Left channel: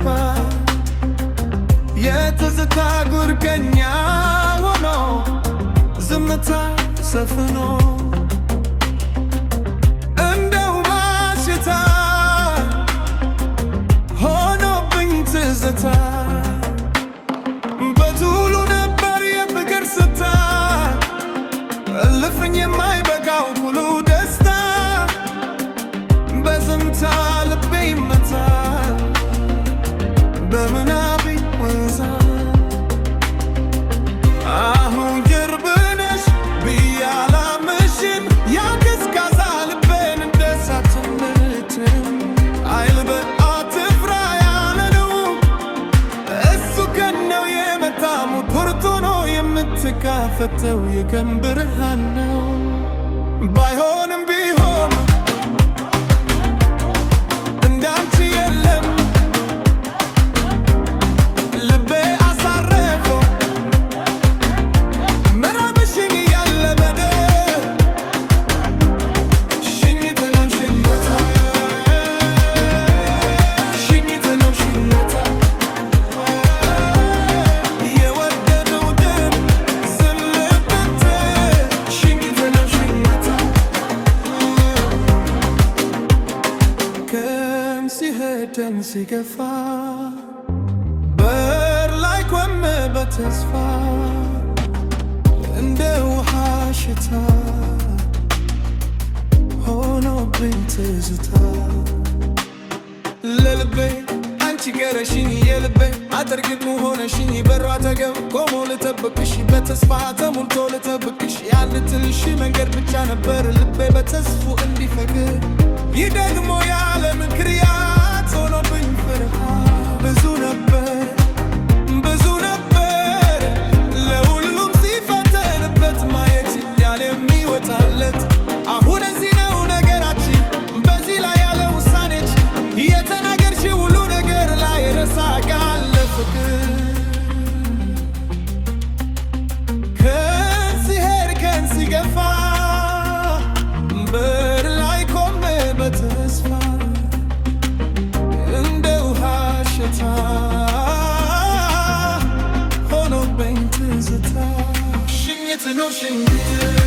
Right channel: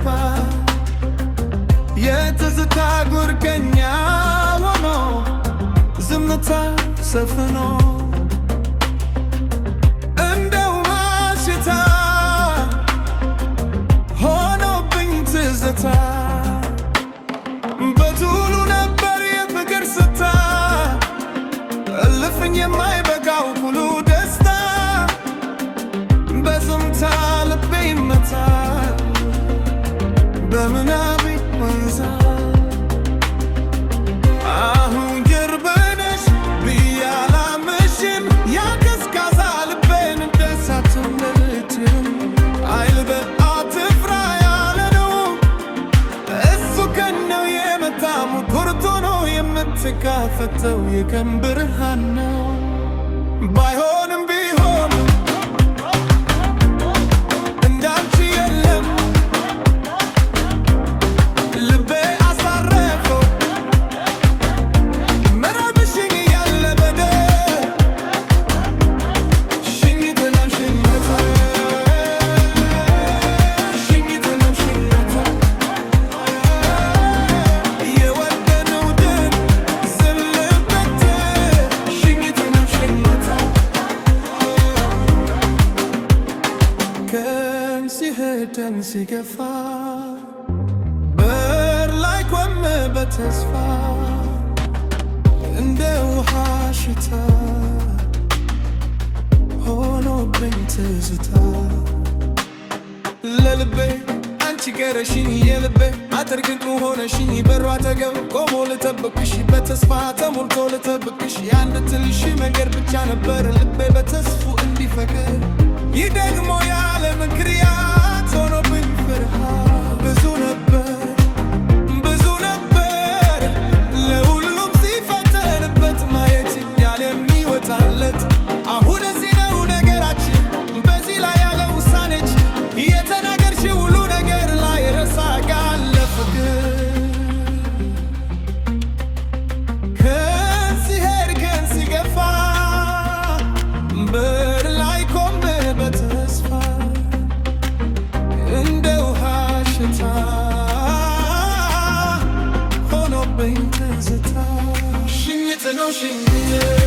ተስፋ የትዝታ ጉርገኛ ሆኖ ዝምታ ሰፍኖ እንደው ማሽታ ሆኖብኝ ትዝታ በቱሉ ነበር የፍቅር ስታ እልፍኝ የማይበቃው ሁሉ ደስታ በዝምታ ልቤ ይመታል በምናቤ ወንዛል አሁን ቅርብ ነሽ ብያላምሽም ያቀዝቃዛ ልቤን እንደ እሳት ምልትም አይልበል አትፍራ ያለነው እሱ ከነው የመጣሙ ቱርቶ ነው የምትካፈተው የቀን ብርሃን ነው ባይሆንም ቢሆንም እንዳንቺ የለም ልቤ አሳረፈው መራብሽኝ ያለ በደ ሽኝት ነው ሽኝታ ሽኝት ነው ሽኝታ የወደደው ደም ዝልበት ሽኝት ነው ሽኝታ ቀን ሲሄደን ሲገፋ በር ላይ ቆሜ በተስፋ እንደ ውሃ ሽታ ሆኖብኝ ትዝታ ለልቤ አንቺ ቀረሽኝ የልቤ አጥር ግጥሙ ሆነሽኝ በሯ አጠገብ ቆሞ ልጠብቅሽ በተስፋ ተሞልቶ ልጠብቅሽ የአንድ ትንሽ መንገድ ብቻ ነበር ልቤ በተስፉ እንዲፈቅር ይህ ደግሞ ያለ ምክንያት ሆኖብኝ ፍርሃት ብዙ ነበር ለሁሉም ሲፈተንበት ማየት ያለ የሚወጣለት አሁን እዚህ ነው ነገራችን በዚህ ላይ ያለ ውሳኔችን የተናገርሽ ሁሉ ነገር ላይ ረሳ ቃል ፍቅር ቀን ሲሄድ ቀን ሲገፋ በር ላይ ቆሜ በተስፋ እንደ ውሃ ሽታ ሆኖብኝ ትዝታ ሽኝት ነው ሽኝት